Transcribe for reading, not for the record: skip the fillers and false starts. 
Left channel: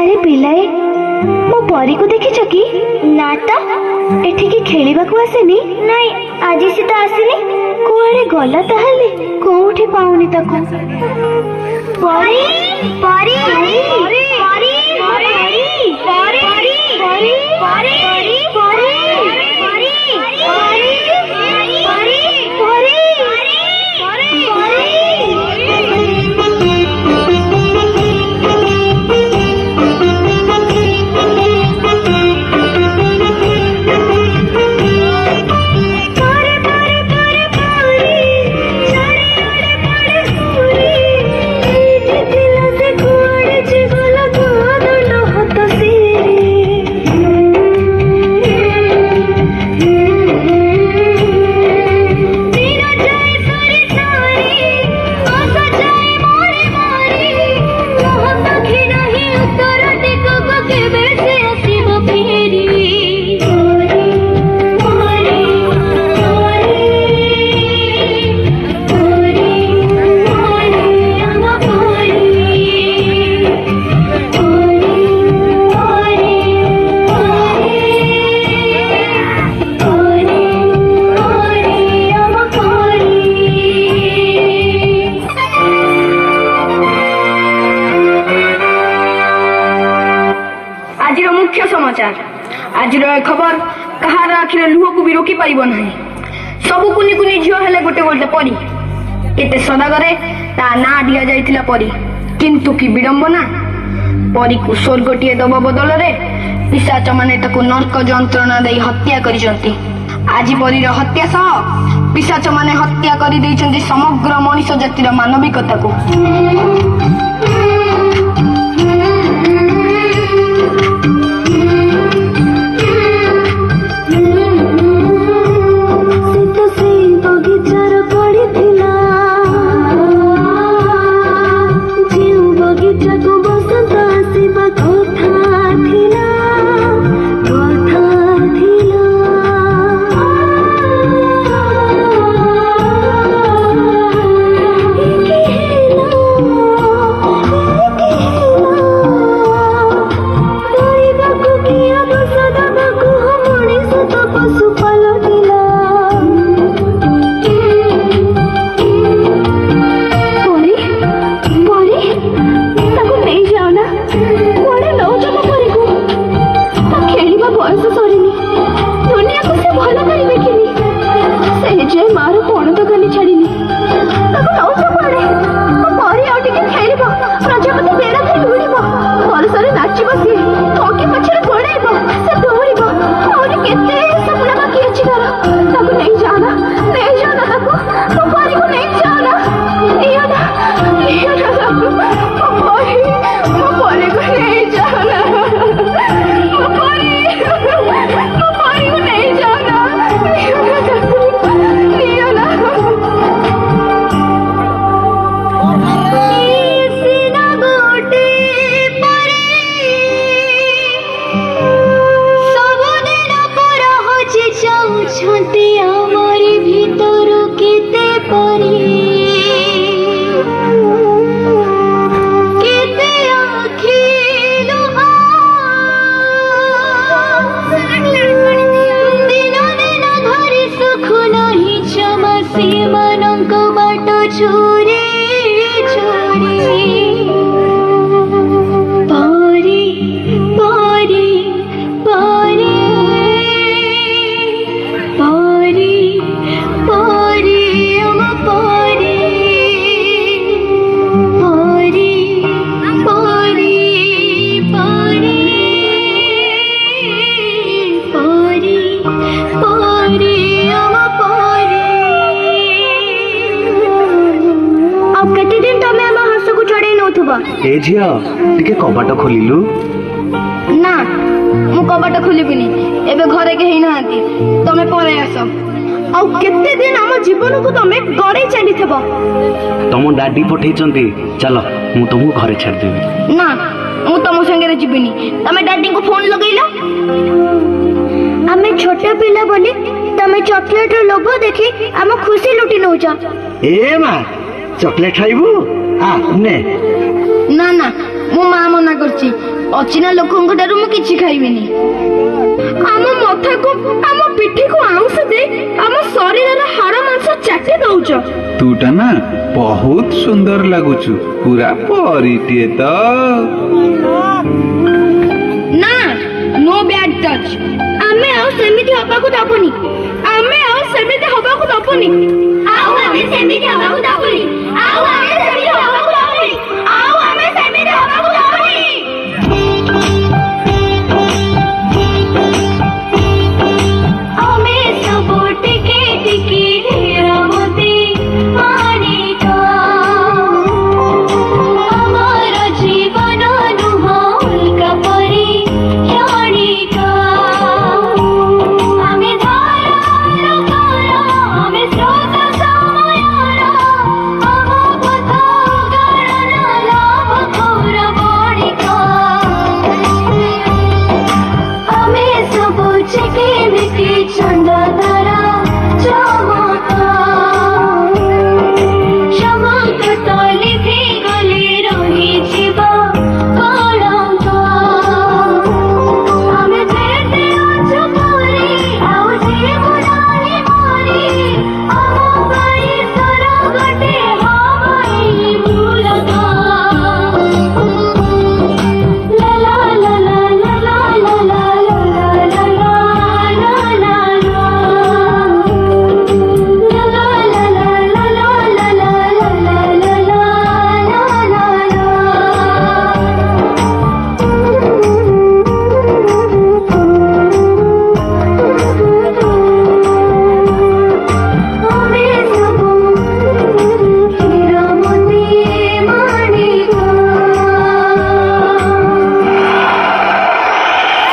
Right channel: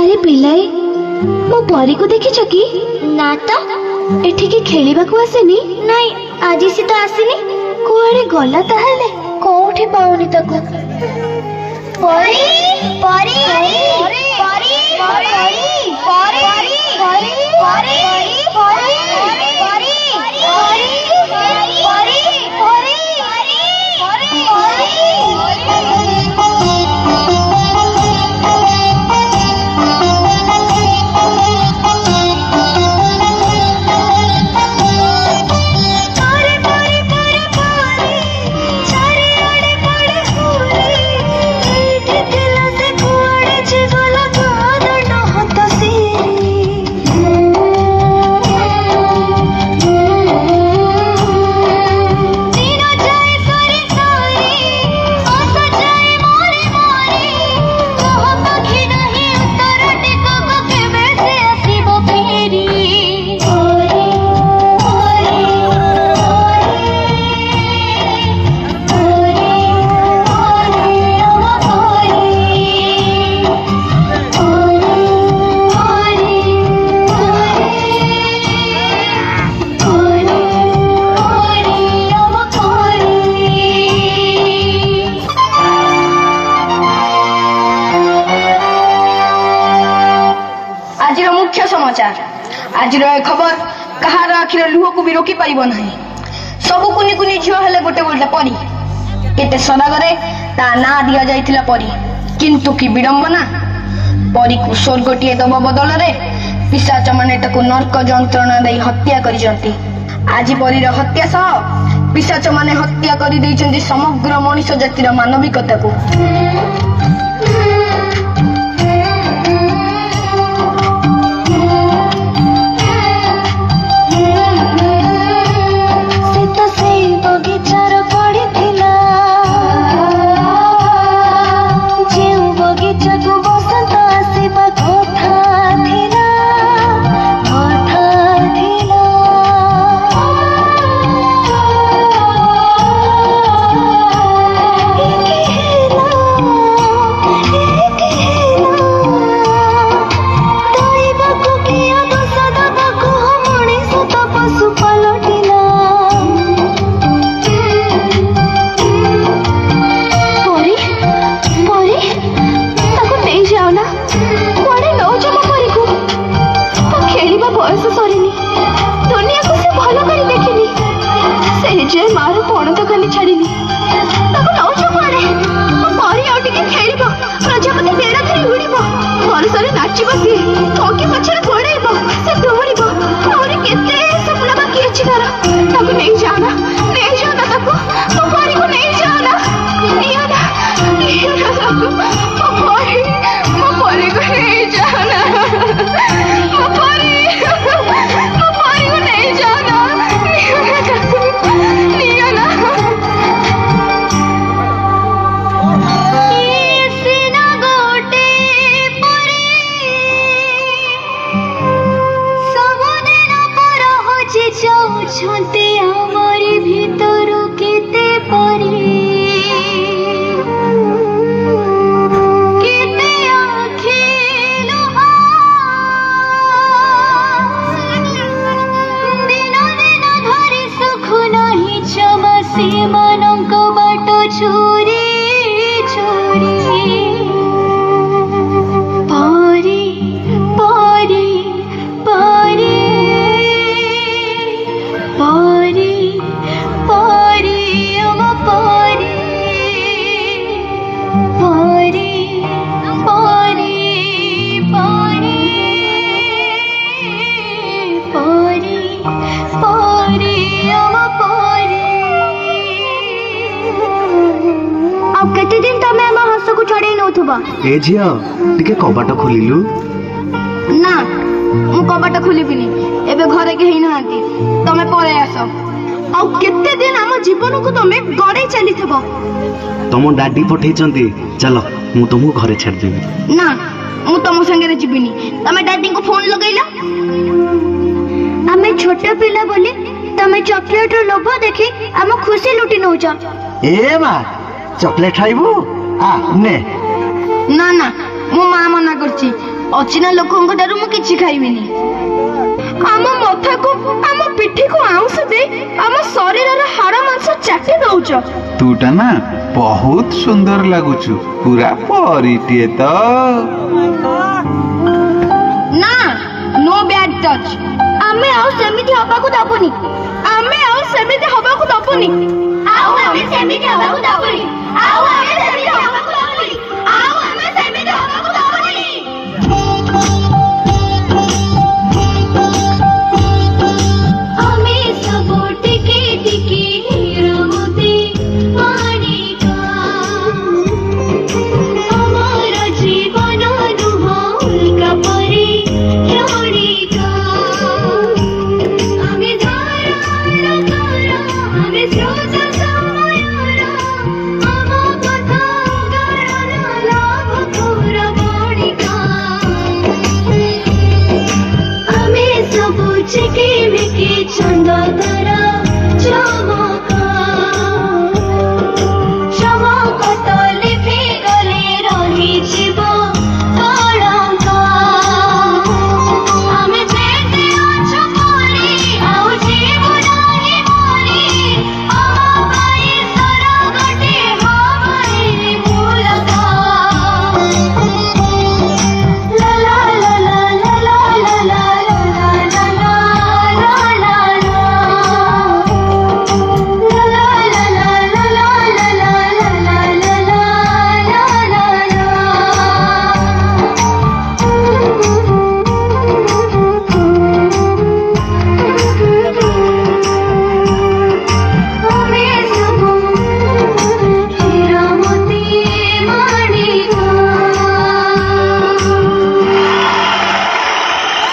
अरे पिलाए मो परी को देखी कि ना तो एठिकी खेलिबा को आसेनी नहीं आज से तो आसनी कोआडे गला ताहले कोठी पाउनी ताको परी परी परी परी परी परी परी परी मुख्य समाचार आज खबर कहार आखिर लुह को भी रोकी पारिब नहीं सब कुनी कुनी झील हेले गोटे गोटे परी केते सदागरे ता ना दिया जाइथिला परी किंतु की विडंबना परी को स्वर्गटीए दब बदल रे पिशाच माने ताको नरक जंत्रणा दे हत्या करिसंती आज परीर हत्या सह पिशाच माने हत्या करि दैछंती समग्र मनुष्य जातिर मानविकता को पारी पारी पारी ହବ। ଏ ଝିଅ ଟିକେ କବାଟ ଖୋଲିଲୁ। ନା ମୁଁ କବାଟ ଖୋଲିବିନି, ଏବେ ଘରେ କେହି ନାହାନ୍ତି, ତମେ ପଳେଇ ଆସ। ଆଉ କେତେ ଦିନ ଆମ ଜୀବନକୁ ତମେ ଗড়େଇ ଚାଲିଥିବ। ତମ ଡାଡି ପଠେଇଛନ୍ତି, ଚାଲ ମୁଁ ତମକୁ ଘରେ ଛାଡ଼ିଦେବି। ନା ମୁଁ ତମ ସାଙ୍ଗରେ ଯିବିନି, ତମେ ଡାଡିଙ୍କୁ ଫୋନ ଲଗେଇଲ। ଆମେ ଛୋଟ ପିଲା ବୋଲି ତମେ ଚକୋଲେଟ ର ଲୋଭ ଦେଖି ଆମ ଖୁସି ଲୁଟି ନଉଛ। ଏ ମା ଚକଲେଟ ଖାଇବୁ? ଆ ନେ। ନା ନା ମୋ ମା ମନା କରୁଛି, ଅଚିହ୍ନା ଲୋକଙ୍କ ଠାରୁ ମୁଁ କିଛି ଖାଇବିନି। ଆମ ମଥାକୁ ଆମ ପିଠିକୁ ଆଉଁସ ଦେଇ ଆମ ଶରୀରର ହାଡ଼ ମାଂସ ଚାଟି ଦଉଛ। ତୁଟା ନା ବହୁତ ସୁନ୍ଦର ଲାଗୁଛୁ, ପୁରା ପରିଟିଏ ତ। ନା ନୋ ବ୍ୟାଡ୍ ଟଚ୍। ଆମେ ଆଉ ସେମିତି ହବାକୁ ଦବୁନି। ଆମେ ଆଉ ସେମିତି ହବାକୁ ଦବୁନି। ଆଉ ଆମେ ସେମିତି ହବାକୁ ଦବୁନି।